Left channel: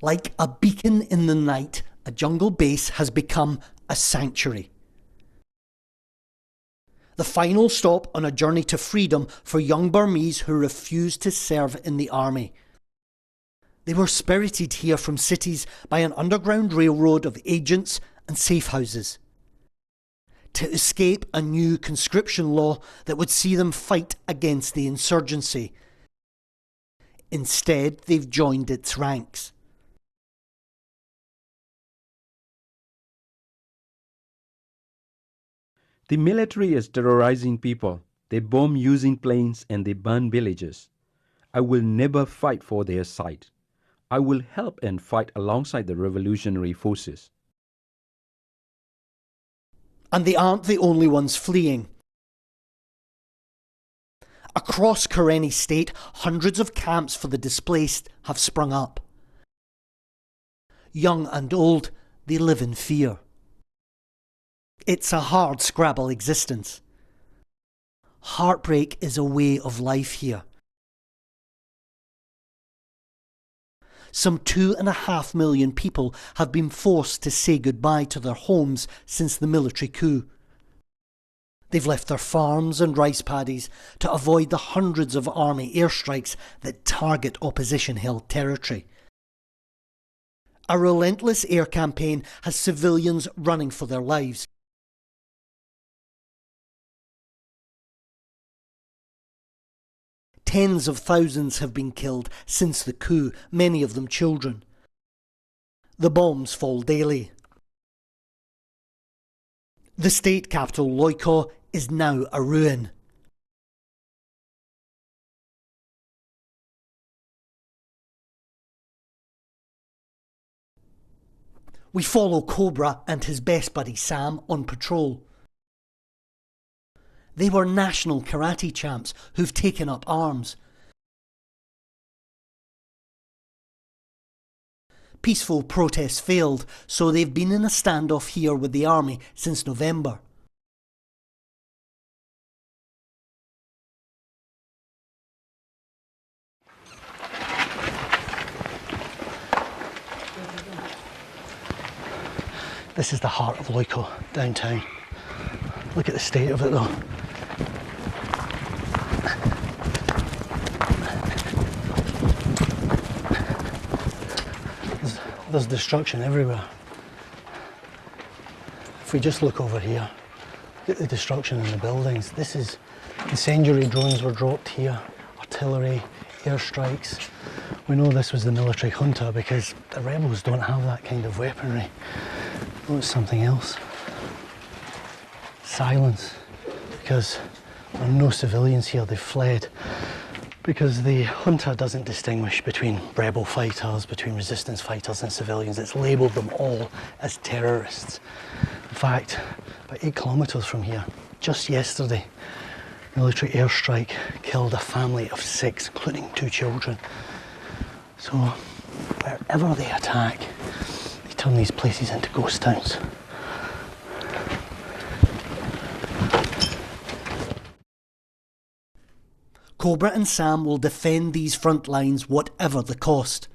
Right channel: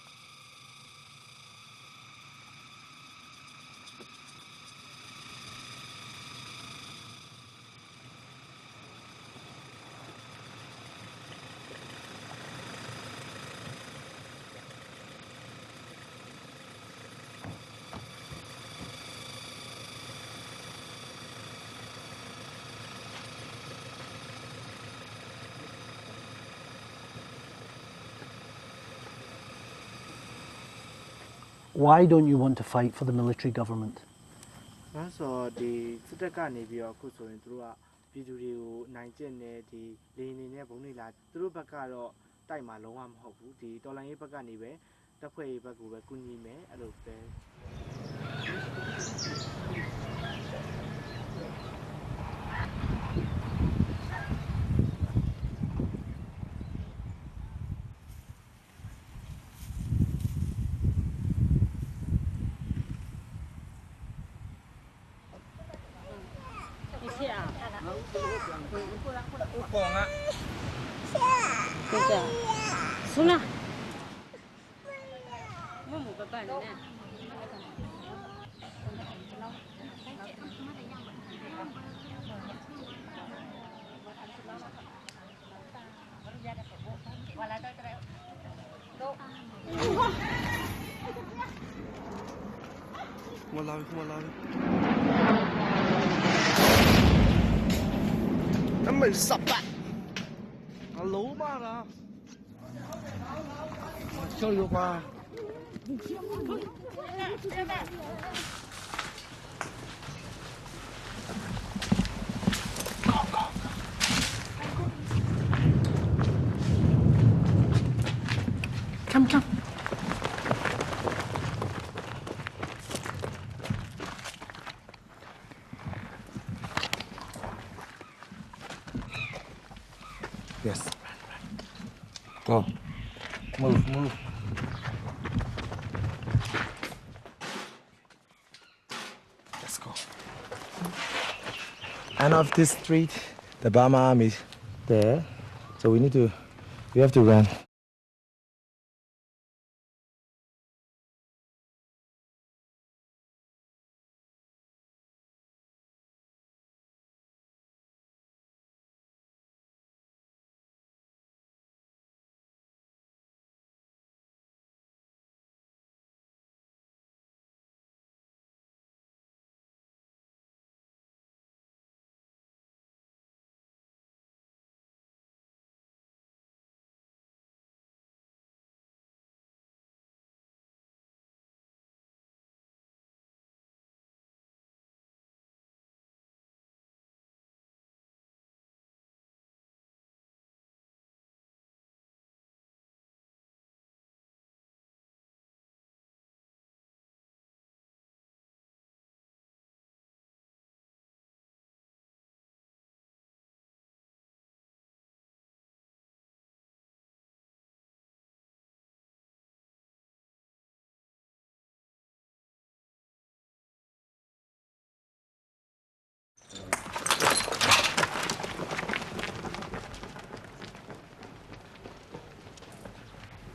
Like a beacon in the night, a jungle base has become a sanctuary. The final stop on a journey to freedom for young Burmese who refused to serve in the army. They were spirited here from cities by an underground railroad of agents and safe houses to escape a new conscription law that would see them fight against the insurgency. Instead, they've joined its ranks. Why don't you want to fight for the military government? The military is terrorizing people. They bomb using planes and they burn villages. I will never fight for their side. I will help and fight alongside the revolutionary forces. And they aren't the only ones fleeing. Across Karenni State, hundreds of camps for the displaced have sprung up. Young and old, they live in fear. It's a hard scrabble existence. Heartbreak is a way of life here. Some 2.5 million people have been forced to say goodbye to their homes since the military coup. They've left their farms and rice paddies to avoid the hundreds of army airstrikes that target opposition-held territory. A relentless air campaign has civilians running for their lives. Tens of thousands have been killed since the coup, many of them children. The bombs fall daily. The state capital, Loiko, is now a ruin. Come. We follow Cobra and his best buddy Sam on patrol. They were national karate champs who've taken up arms. Yes. Go. Move. Peaceful protests failed, so they've been in a standoff here with the army since November. And off this street, the Burma army there. So we have to run. This is the heart of Loiko, downtown. Look at the state of it though. There's destruction everywhere. If we just look over here, look at the destruction in the buildings. This is incendiary drones were dropped here, artillery, airstrikes. We know this was the military junta because the rebels don't have that kind of weaponry. Oh, it's something else. Silence, because there are no civilians here, they've fled. Because the junta doesn't distinguish between rebel fighters, between resistance fighters and civilians. It's labelled them all as terrorists. In fact, about 8 kilometres from here, just yesterday, military airstrike killed a family of 6, including 2 children. So wherever they attack, they turn these places into ghost towns. Cobra and Sam will defend these front lines whatever the cost.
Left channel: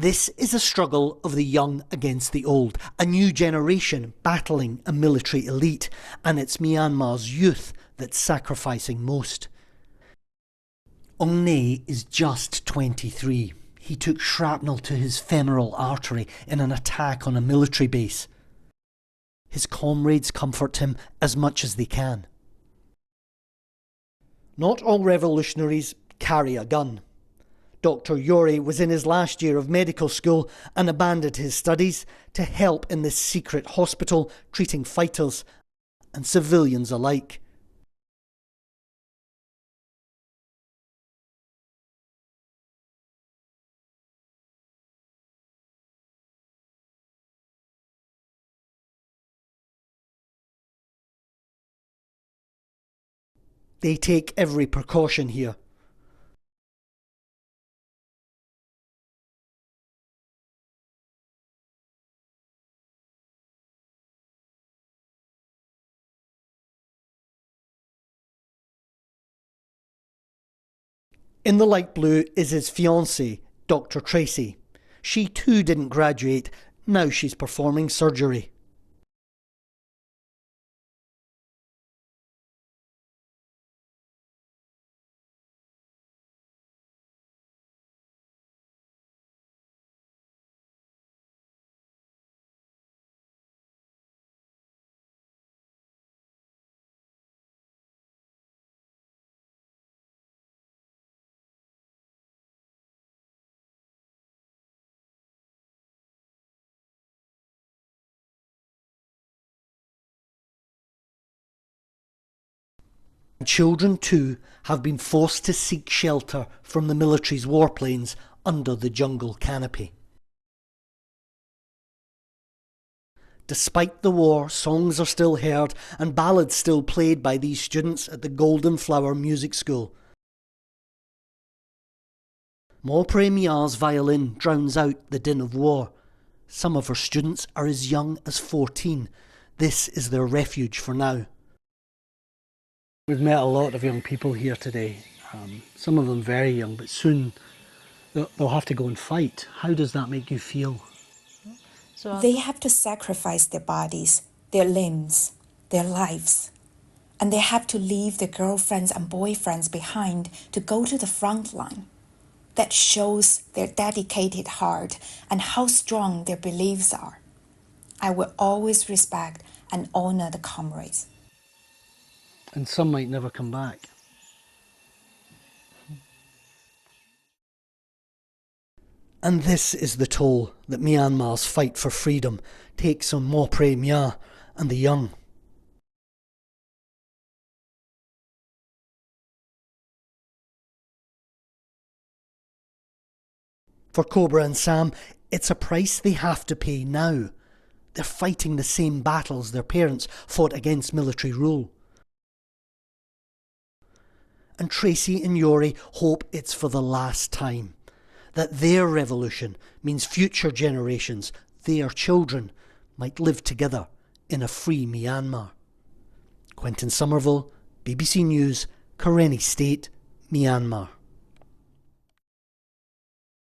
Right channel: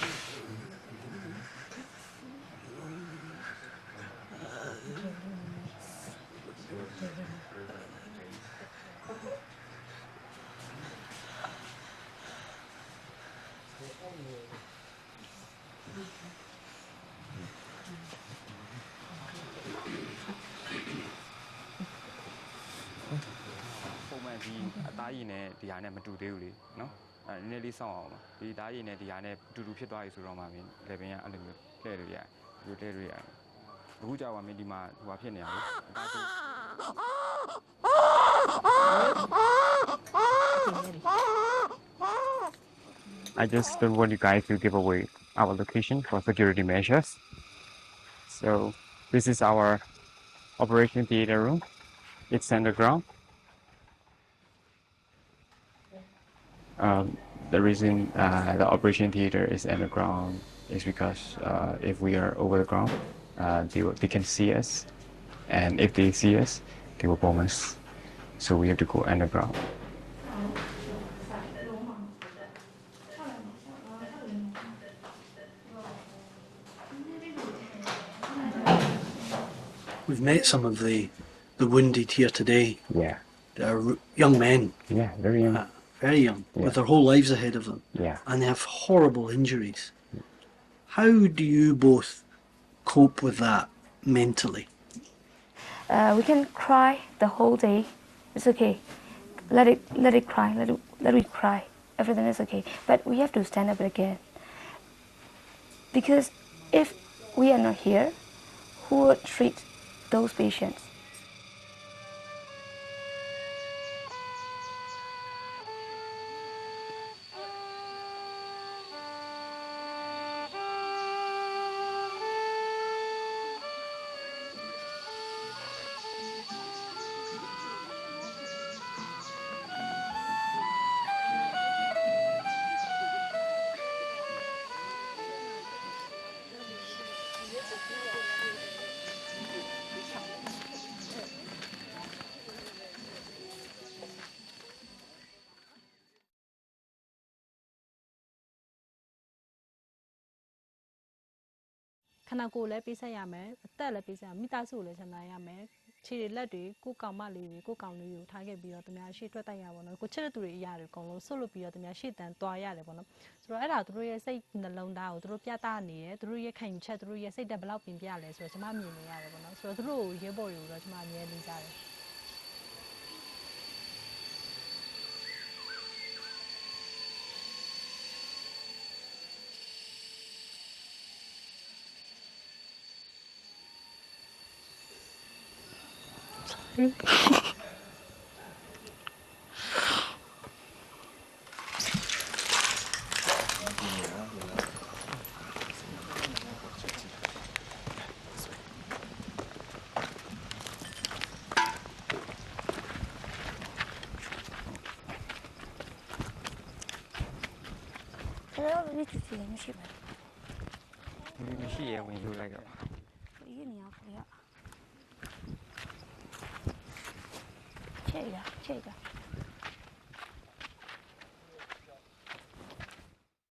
This is a struggle of the young against the old, a new generation battling a military elite, and it's Myanmar's youth that's sacrificing most. Ong Ne is just 23. He took shrapnel to his femoral artery in an attack on a military base. His comrades comfort him as much as they can. Not all revolutionaries carry a gun. Dr. Yori was in his last year of medical school and abandoned his studies to help in this secret hospital treating fighters and civilians alike. I just don't want you guys to give away our location for security measures. So this is our operation theater room. It's underground. They take every precaution here. The reason the operation theater is underground is because if we are over the ground, they can see us. And if they see us, tactical bombers. So we have to go underground. In the light blue is his fiancée, Dr. Tracy. She too didn't graduate. Now she's performing surgery. We've met some of the wounded here today. Yeah. They're young men. Yeah, very young. Very young, Yeah. with their whole lives ahead of them. Yeah. And they have horrible injuries. How do you both cope with that mentally? We can cry the whole day. It's okay. Let it cry. Let it cry. Everything is okay. But we have to stand up again. Because if we are not here, who would treat those patients? Children too have been forced to seek shelter from the military's warplanes under the jungle canopy. Despite the war, songs are still heard and ballads still played by these students at the Golden Flower Music School. Maupre Mia's violin drowns out the din of war. Some of her students are as young as 14. This is their refuge for now. We've met a lot of young people here today, some of them very young, but soon they'll have to go and fight. How does that make you feel? They have to sacrifice their bodies, their limbs, their lives. And they have to leave their girlfriends and boyfriends behind to go to the front line. That shows their dedicated heart and how strong their beliefs are. I will always respect and honor the comrades. And some might never come back. And this is the toll that Myanmar's fight for freedom takes on Maupre Mia and the young. For Cobra and Sam, it's a price they have to pay now. They're fighting the same battles their parents fought against military rule. And Tracy and Yori hope it's for the last time. That their revolution means future generations, their children, might live together in a free Myanmar. Quentin Somerville, BBC News, Karenni State, Myanmar.